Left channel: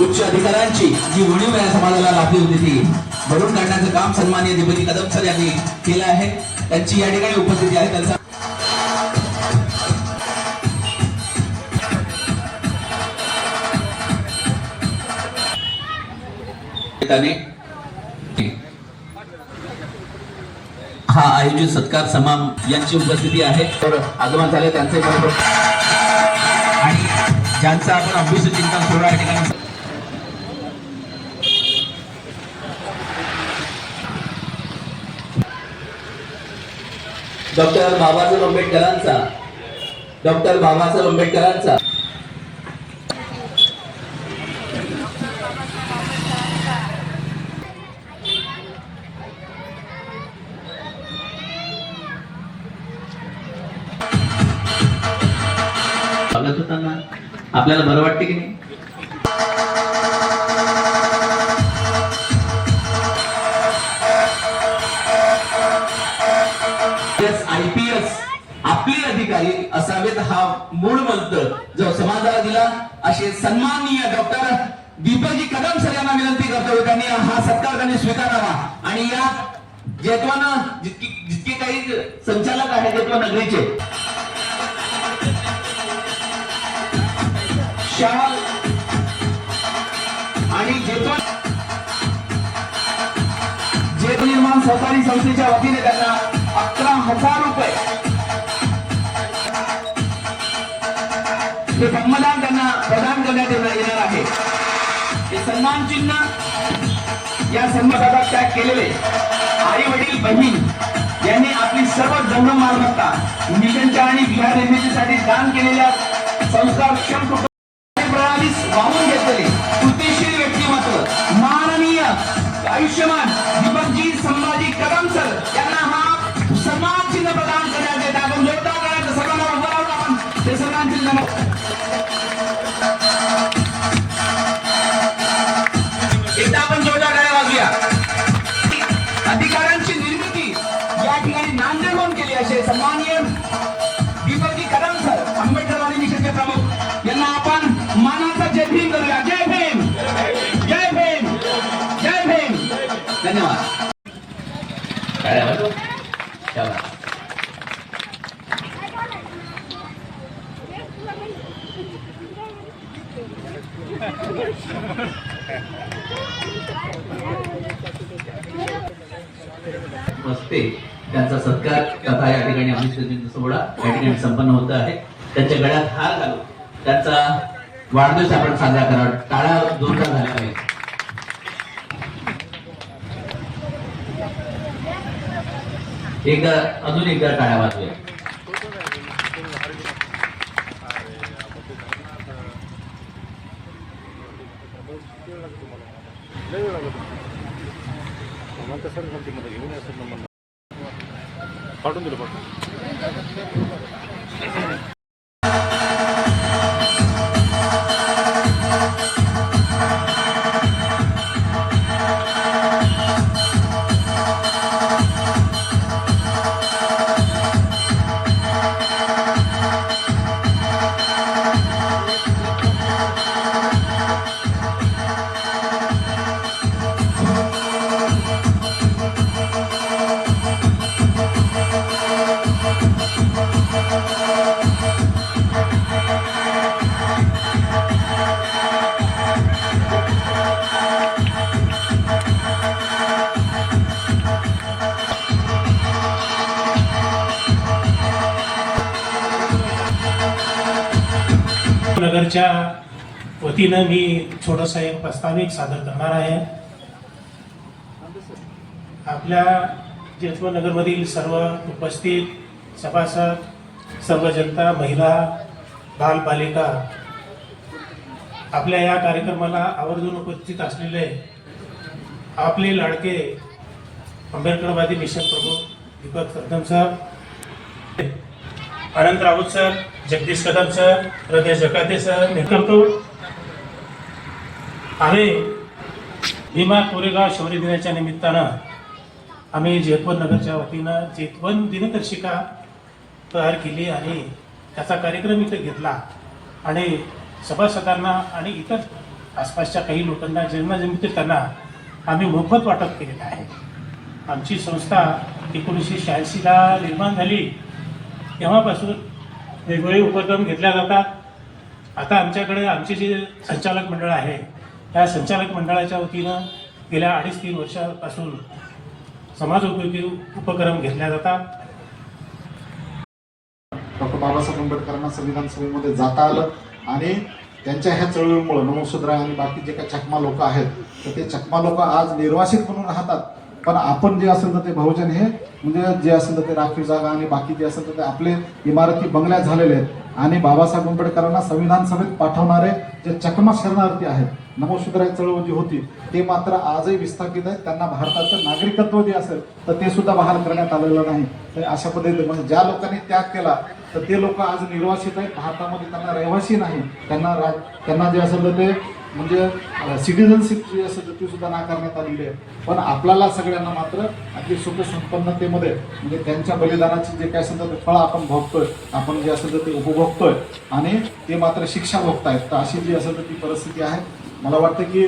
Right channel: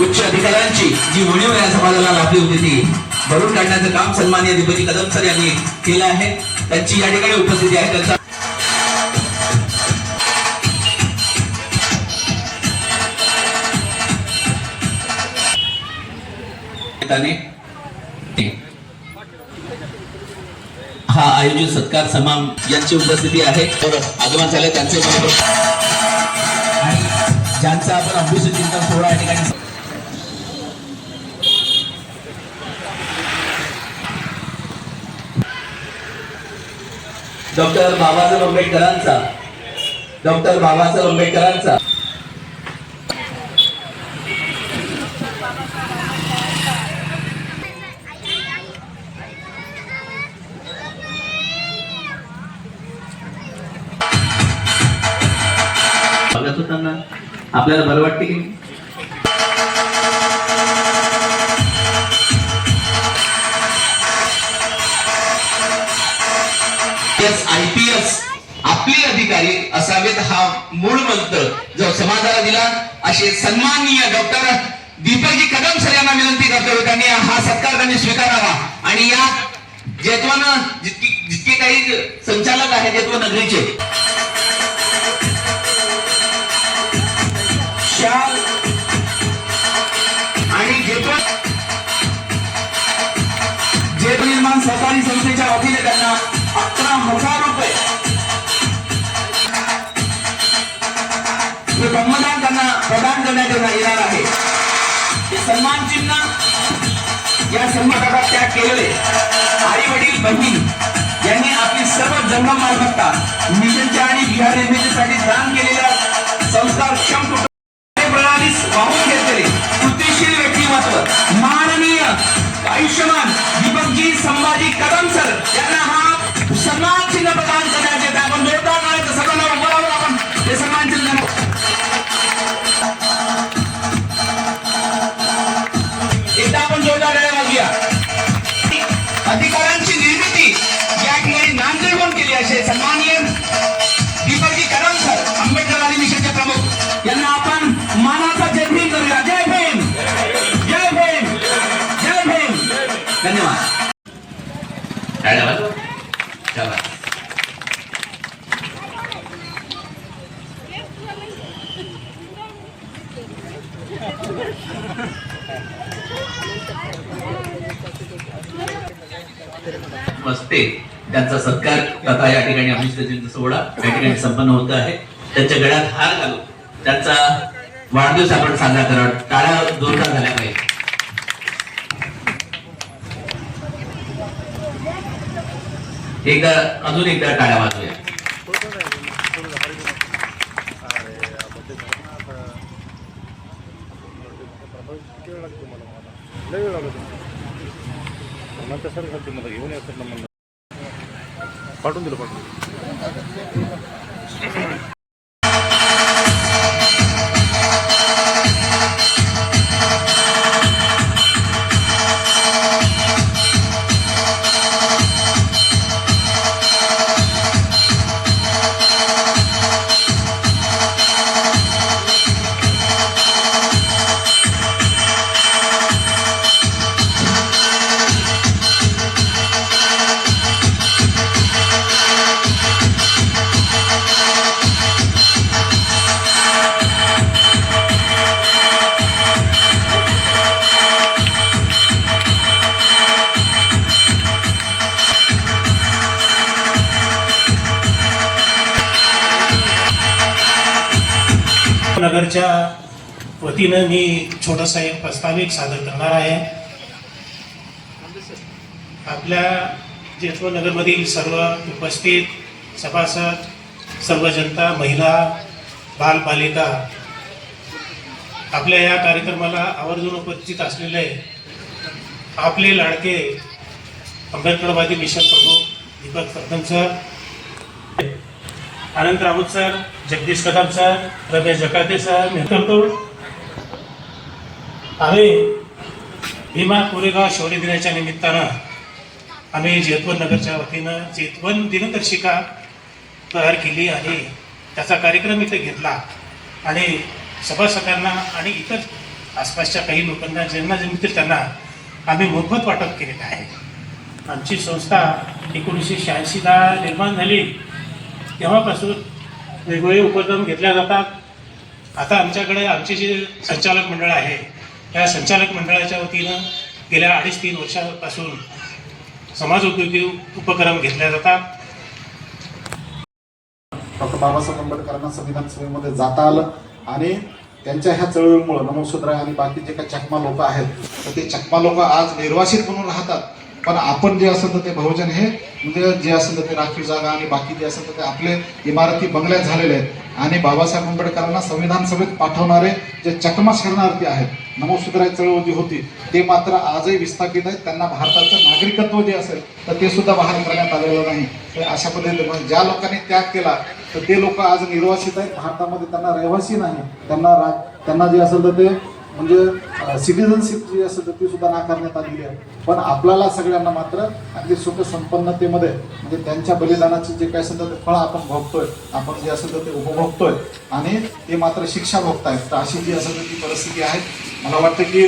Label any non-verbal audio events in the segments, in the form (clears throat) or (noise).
उच्च अधिकाऱ्यांची जी उणीव या समाजाला लाभली होती ती भरून काढण्याचं काम सन्मान्य दिपजी कदम सर यांनी केलं आहे. त्यांची या ठिकाणी उपस्थिती आहे. त्यांचा त्याने हा आयोजित सत्कार समाम यांची उपस्थिती आहे. तर आगमन झाले त्यांचे बरोबर. आणि ज्यांचा आपण अभ्युस चिंतन सुरू आहे ठिकाणी. डॉक्टर बाबासाहेब आंबेडकरांचा. डॉक्टर बाबासाहेब आंबेडकरांचा. आपल्याला बरं वाटते की नाही? आय पी एस आपले अधिकारी असावेत हा मूळ मंत्र. जो समाजाला दिला असे सन्माननीय डॉक्टर दीपकजी कदम सर यांना विनंती करतो त्यांनी हा सत्कार त्यांनी स्वीकारावा. आणि या जेतवन जितकी जितके काही संचालक आहेत जेतवन नगरीचे आणि जेतवन जेत निर्माण सहकारी संस्थेच्या वतीने त्यांना अकरा हजार रुपये. हे ब्रह्मदान त्यांना प्रदान करण्यात येणार आहे. हे सन्मान चिन्ह या सन्मानाचा त्याग केलेले आई वडील बहीण यांनी आपली सर्व जन्म मालमत्ता मिशनच्या आणि बिहार निर्मितीसाठी दान केलेल्या संस्कारक्षम कुटुंब आयुष्यमान दीपकजी संभाजी कदम सर असते त्यांचा सत्कार कथा या ठिकाणी अभिषेक सोहळा या ठिकाणी संपन्न होत आहे. त्यांच्या गळ्यात हार घालू त्यांचा वाढदिवस आपण साजरा करा टाळ्या जोरदार झाल्या पाहिजे. एकदा अजून एकदा टाळ्या वाजूया पाठवून दिलं पाठवून नगरच्या वतीनं मी छोटासा एक प्रस्ताविक सादर करणार आहे. आपल्या जेतव नगरमधील सर्व उपस्थित सभासद सर्व जनता महिला बालबालिका आपल्या या कार्यक्रमाला आवर्जून उपस्थित असलेले आपले लाडके आंबेडकरवादी मिशन प्रमुख Deepak Kadam sir Anant Raut sir Jagdish Kadam sir Ramesh Jakate sir मी करतो आम्ही भीमा कोरेगाव शौर्य दिनाच्या निमित्तानं आम्ही जेतवन नगरच्या वतीनं जेतवन दिनदर्शिका तयार केली आणि त्याचा कार्यक्रम इथे घेतला. आणि सभासदांना आणि इतर आसपासच्या काही लोकांना ज्यांना जमतील त्यांना आम्ही मोफत वाटप केलेलं आहे. आमची संस्था एकोणीसशे शहाऐंशीला निर्माण झाली. तेव्हापासून वेगवेगळे उपक्रम घेतल्या जातात. आता आमच्याकडे आमचे जे संचालक मंडळ आहे त्या संचालक मंडळाच्या वतीनं गेल्या अडीच तीन वर्षापासून समाज उद्योगी उपक्रम घेतल्या जातात. डॉक्टर बाबासाहेब आंबेडकरांना संविधान सभेमध्ये जाता आलं आणि त्यांच्या ह्या चळवळीमुळं नमोसुद्रा आणि बाकी जे काही चकमा लोक आहेत तर ते चकमा लोक आज निर्वासित म्हणून राहतात. पण आपण जे असेल तर ते बहुजन हे म्हणजे जे असेल तर ते राखीव जागा आणि बाकी जे असेल तर ते आपले इमारती बंगल्यात झालेले आहेत. आणि बाबासाहेब आंबेडकरांना संविधान सभेत पाठवणारे जे चकमा शरणार्थी आहेत नमोसुद्रा चळवळ जी होती ते मात्र आजही विस्थापित आहेत. त्यांना भारताचं नागरिकत्व जे असेल तर ते सुद्धा बहाल करण्यात आलेलं नाही. तर अशा पद्धतीने म्हणजे ज्या लोकांनी त्याग केला तर ते लोक आज निर्वासित आहेत. भारतामध्ये त्यांना रहिवासी नाही. त्यांना रा त्यांना जे असेल तर ते म्हणजे सिटिझनशिप जी असं तर ती सुद्धा नाकारण्यात आलेली आहे. पण आपल्याला सगळ्यांना मात्र अगदी सुख संपन्नतेमध्ये म्हणजे त्यांच्या बलिदानाचे जे काय असेल तर ते फळ आपण भोगतोय आपण जे असं ते उपभोगतोय आणि ते मात्र शिक्षा भोगतायत. तर अशी जी असं तर ती परिस्थिती आहे मला वाटतं की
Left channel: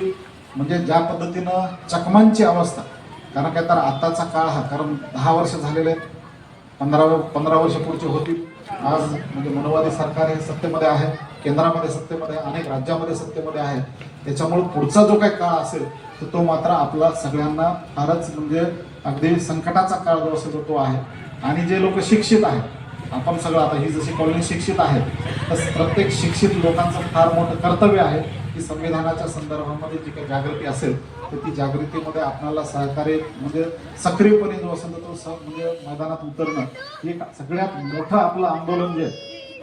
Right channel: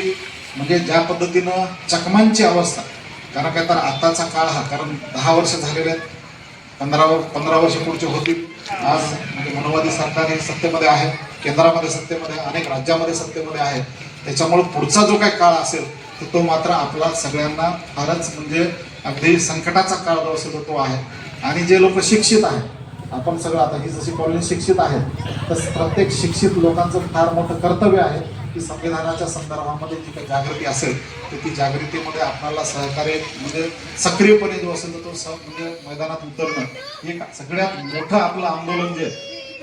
म्हणजे ज्या पद्धतीनं चकमांची अवस्था कारण काय तर आताचा काळ हा कारण दहा वर्ष झालेले आहेत पंधरा पंधरा वर्ष पुढचे होतील. आज म्हणजे मनोवादी सरकार हे सत्तेमध्ये आहे केंद्रामध्ये सत्तेमध्ये अनेक राज्यामध्ये सत्तेमध्ये आहे. त्याच्यामुळे पुढचा जो काही काळ असेल तर तो मात्र आपला सगळ्यांना फारच म्हणजे अगदी संकटाचा काळ जो असेल तो आहे. आणि जे लोक शिक्षित आहेत आपण सगळं आता ही जशी कॉलनी शिक्षित आहे तर प्रत्येक शिक्षित लोकांचं फार मोठं कर्तव्य आहे. की संविधानाच्या संदर्भामध्ये जी काही जागृती असेल तर ती जागृतीमध्ये आपल्याला सहकार्य म्हणजे सक्रियपणे जो असेल तर तो स म्हणजे मैदानात उतरणं हे एक सगळ्यात मोठं आपलं आंदोलन जे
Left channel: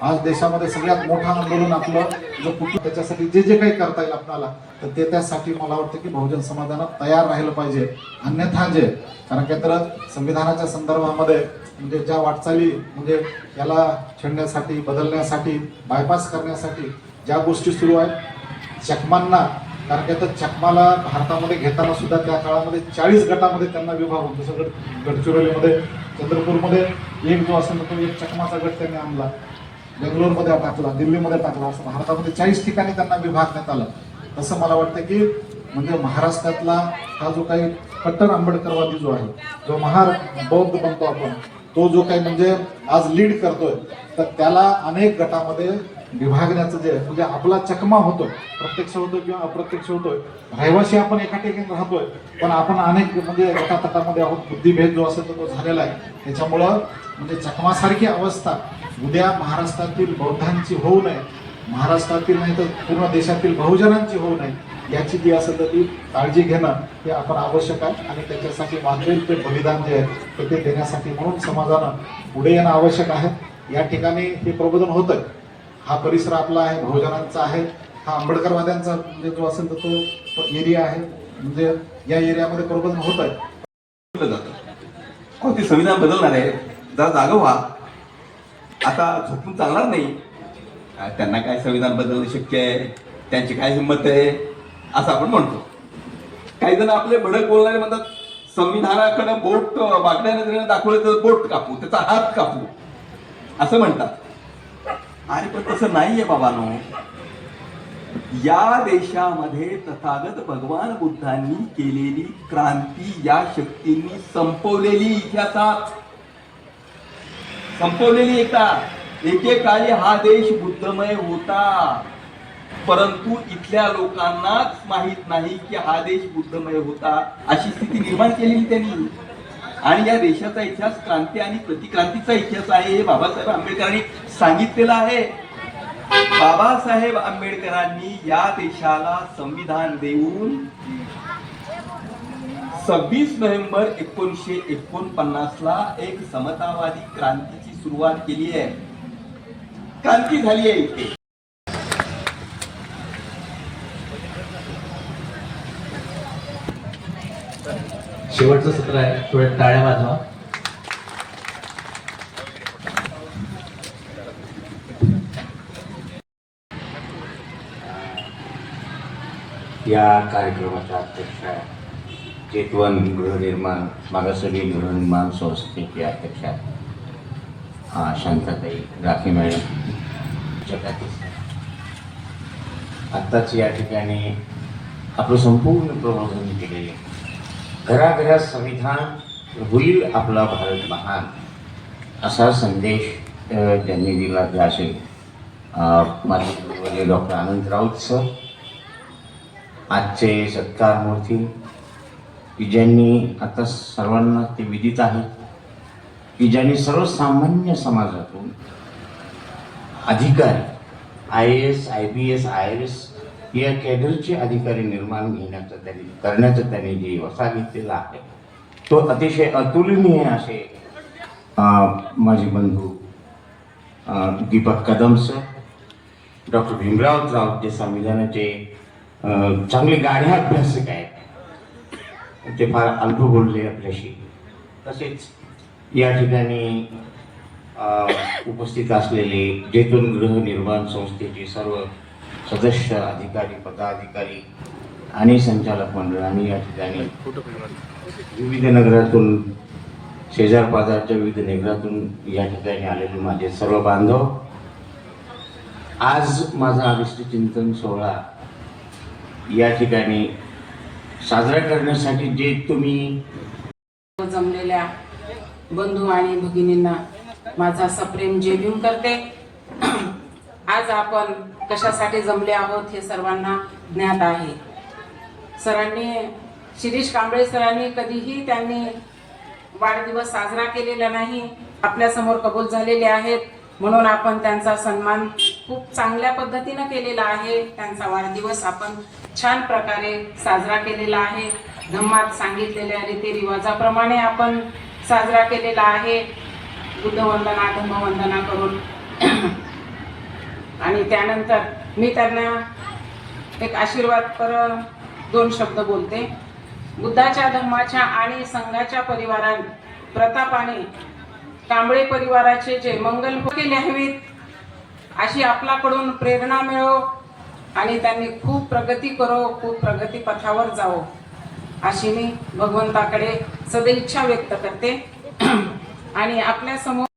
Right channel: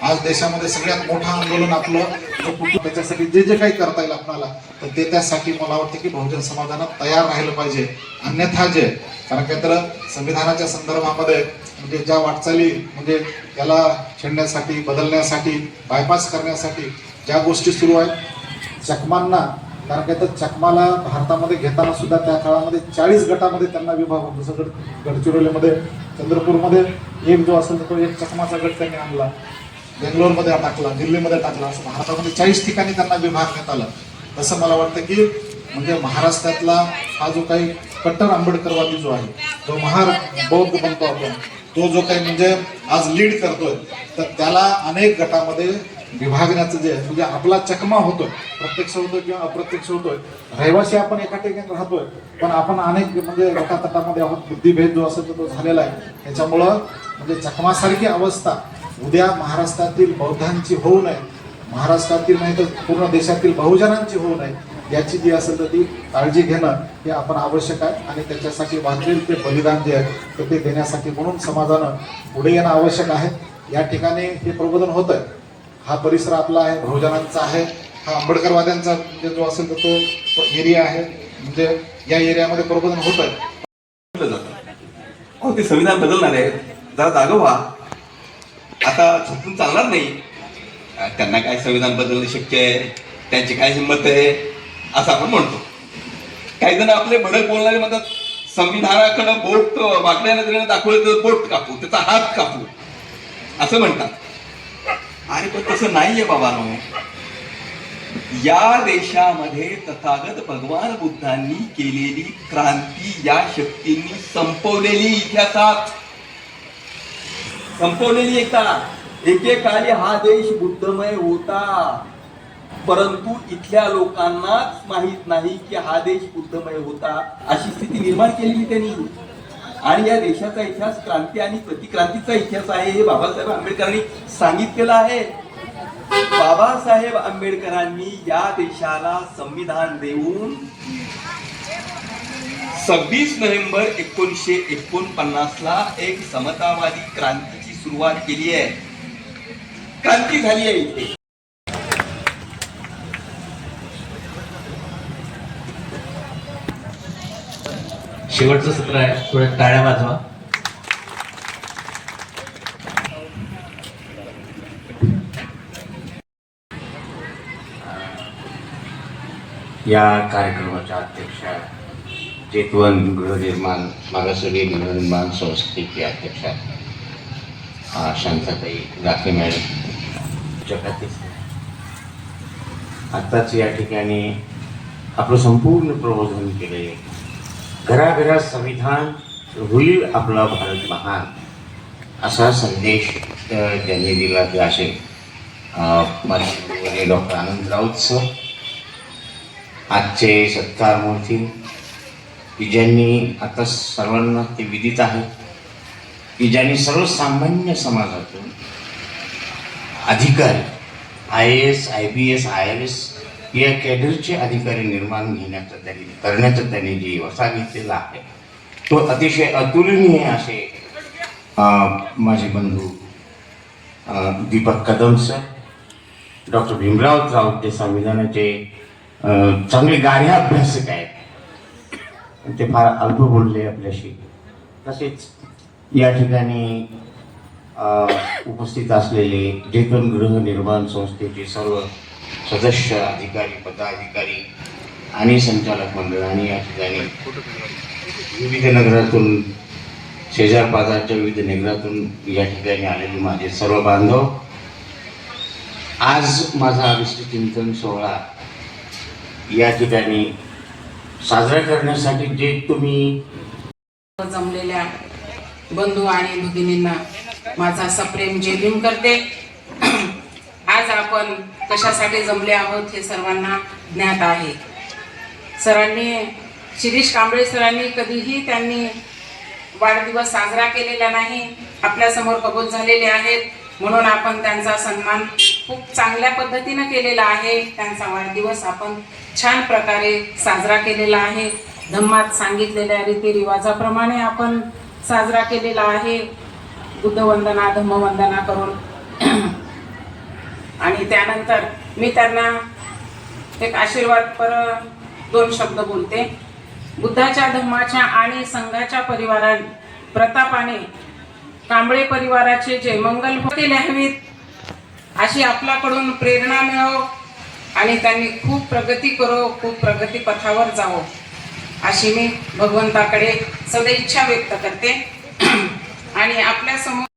आज देशामध्ये सगळ्यात मोठं आंदोलन आपलं म्हणजे कुठलं त्याच्यासाठी जे जे काही करता येईल आपल्याला तर ते त्यासाठी मला वाटतं की बहुजन समाजानं तयार राहिलं पाहिजे. अन्यथा जे कारण काय तर संविधानाच्या संदर्भामध्ये म्हणजे ज्या वाटचाली म्हणजे त्याला छेडण्यासाठी बदलण्यासाठी बायपास करण्यासाठी ज्या गोष्टी सुरू आहेत चकमांना कारण काय तर चकमाला भारतामध्ये घेताना सुद्धा त्या काळामध्ये चाळीस गटामध्ये त्यांना विभाग होतो. जसं गड गडचिरोलीमध्ये चंद्रपूरमध्ये एक जो असेल तो एक चकमाचा गट त्यांनी आणला. बेंगलोरमध्ये टाकला दिल्लीमध्ये टाकला असं भारतामध्ये चाळीस ठिकाणी त्यांना विभागण्यात आला. तसं मला वाटतं की म्हणजे महाराष्ट्रातला हा जो काही कट्टर आंबेडकरवादी जो आहे जो महार बौद्ध बनतो आपण तो जो काही म्हणजे आज लीड करतोय तर त्याला अनेक गटामध्ये विभागण्याचं जे म्हणजे आपला चकमा होतो प्रत्यक्ष होतो किंवा अप्रत्यक्ष होतोय रहिवासी आपण एका ठिकाणी राहतोय पण आपण अनेक म्हणजे गटातटामध्ये आहोत बुद्धिभेद जो असेल तो झालेला आहे. त्याच्यामुळं म्हणजे चकमासारखी अवस्था उद्या महाराष्ट्रातील बौद्धांची होऊ नये महाराष्ट्रातील नाही तर पूर्ण देशातील बहुजनांची होऊ नये याची जी असेल तर ती काळजी घेणं हे आपण आवश्यक आहे. आणि त्याच्यासाठी वाचलेलं ते बलिदान जे आहे तर ते देण्यासाठी म्हणून समाजानं पुढे येणं आवश्यक आहे. या ठिकाणी हे प्रबोधन होतं हा परिसर आपला आहे बहुजनांचा आहे. हा आंबेडकरवाद्यांचा म्हणजे जो असेल तर तो एरिया आहे. म्हणजे या एरियामध्ये प्रबोधन होतं हो ते संविधान बदलणार आहे? जरा जागं व्हा. आता झोपून चालणार नाही. त्यांना काय संविधान बदलणं शक्य आहे? त्यांची काय हिंमत आहे? असं आपण म्हणतो. काही जण आपले भडक बोलणारे म्हणतात संविधानाकडं बोट वाकड्या दाखवलं तर बोट कापू त्याचा हात कापू. असं म्हणतात. अरे पण तसं नाहीये बाबानो या देशामध्ये तथागत भगवान बुद्धांनी केलेली क्रांती या शक्तींनी संपवलेली इतिहासात संपवलेली एकदा. एकेकाळी हा देश बुद्धमय होता. परंतु इथल्या लोकांनाच माहीत नाही की हा देश बुद्धमय होता अशी स्थिती निर्माण केलेली त्यांनी. आणि या देशाचा इतिहास क्रांती आणि प्रतिक्रांतीचा इतिहास आहे हे बाबासाहेब आंबेडकरांनी सांगितलेलं आहे. बाबासाहेब आंबेडकरांनी या देशाला संविधान देऊन सव्वीस नोव्हेंबर एकोणीसशे एकोणपन्नास ला एक समतावादी क्रांतीची सुरुवात केली आहे. क्रांती झाली आहे इथे. शेवटचं सत्र आहे. थोड्या टाळ्या वाजवा. या कार्यक्रमाच्या अध्यक्षा चेतवन गृहनिर्माण मागासवी गृहनिर्माण संस्थेचे अध्यक्षा शांताताई राखी मॅडम. जगातील आत्ताच या ठिकाणी आपलं संपूर्ण प्रबोधन केलेले घराघरात संविधान होईल आपला भारत महान असा संदेश त्यांनी दिला ते असे माझे डॉक्टर आनंद राऊत सर आजचे सत्कार मूर्ती की ज्यांनी आता सर्वांना ते विदित आहे की ज्यांनी सर्वसामान्य समाजातून अधिकारी I A S I B S I S या कॅडरचे अधिकारी निर्माण घेण्याचा त्यांनी करण्याचा त्यांनी जे वसा घेतलेला आहे तो अतिशय अतुलनीय असे माझे बंधू दीपक कदम सर डॉक्टर भीमराव राऊत जे संविधानाचे चांगले गाढे अभ्यासक आहेत ते फार अल्प बोलले आपल्याशी. तसेच या ठिकाणी उपस्थित असलेले जेतून गृहनिर्माण संस्थेचे सर्व सदस्य अधिकारी पदाधिकारी आणि संचालक मंडळ आणि या ठिकाणी विविध नगरातून शेजार पाजारच्या विविध नगरातून या ठिकाणी आलेले माझे सर्व बांधव. आज माझा आविष्ट चिंतन सोहळा या ठिकाणी साजरा करण्यासाठी जे तुम्ही जमलेल्या बंधू आणि भगिनींना माझा सप्रेम जेबीम करते. आज आपण कशासाठी जमले आहोत हे सर्वांना ज्ञात आहे. सरांनी शिरीष कांबळे सरांनी कधीही त्यांनी वाढदिवस साजरा केलेला नाही आपल्यासमोर कबूल झालेले आहेत. म्हणून आपण त्यांचा सन्मान खूप चांगल्या पद्धतीनं केलेला आहे. त्यांचा वाढदिवस आपण छान प्रकारे साजरा केलेला आहे. धम्मात सांगितलेल्या रीतिरिवाजाप्रमाणे आपण साजरा केलेला आहे. बुद्धवंदना धम्मवंदना करून आणि त्यानंतर मी त्यांना एक आशीर्वाद पर दोन शब्द बोलते. बुद्धाच्या धम्माच्या आणि संघाच्या परिवारा प्रतापाने कांबळे परिवाराचे जे मंगल होते अशी आपल्याकडून प्रेरणा मिळो आणि त्यांनी खूप प्रगती करो खूप प्रगती पथावर जावो अशी मी भगवंताकडे सदैच्छा व्यक्त करते. (clears throat) आणि आपल्यासमोर